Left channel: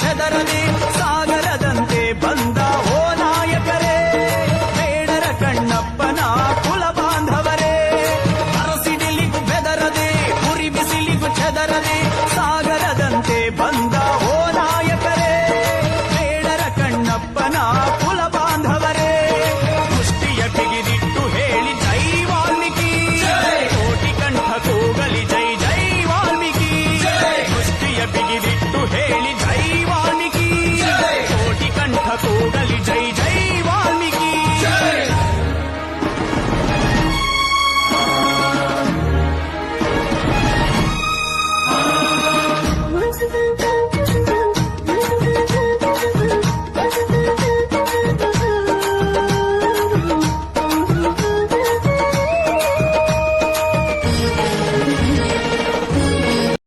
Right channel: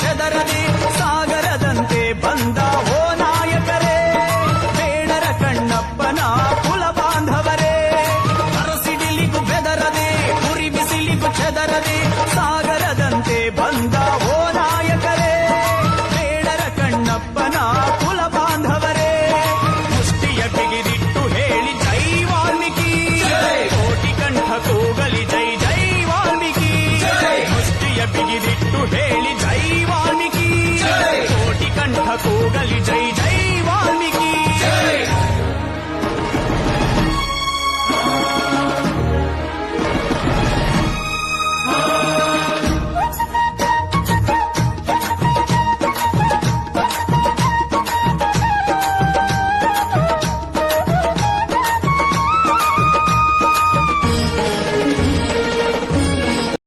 ಚೆದರದೆ ಸಾಗರದಂತೆ ಬಂದ ಓ ನಾಯಕರೇ, ಬೇಡರ ಕಣ್ಣಪ್ಪನ ಕುಲ ಬಾಂಧವರೇ. ಅರಸಿಡಿಲಿಗೂ ಬೆದರದೆ ಉರಿ ಬಿಸಿಲಿಗೂ ಚೆದರದೆ ಸಾಗರದಂತೆ ಬಂದ ಓ ನಾಯಕರೇ, ಬೇಡರ ಕಣ್ಣಪ್ಪನ ಕುಲ ಬಾಂಧವರೇ. ಮುಷ್ಟಿಯ ಬಿಗಿದಿಟ್ಟು ಹೇಳಿ ಜೈ ವಾಲ್ಮೀಕಿ, ಕೋಟಿ ಕಂಠ ಕೂಗಲಿ ಜೈ ಜೈ ವಾಲ್ಮೀಕಿ. ಮುಷ್ಟಿಯ ಬಿಗಿದಿಟ್ಟು ಹೇಳಿ ಜೈ ವಾಲ್ಮೀಕಿ, ಕೋಟಿ ಕಂಠ ಕೂಗಲಿ ಜೈ ಜೈ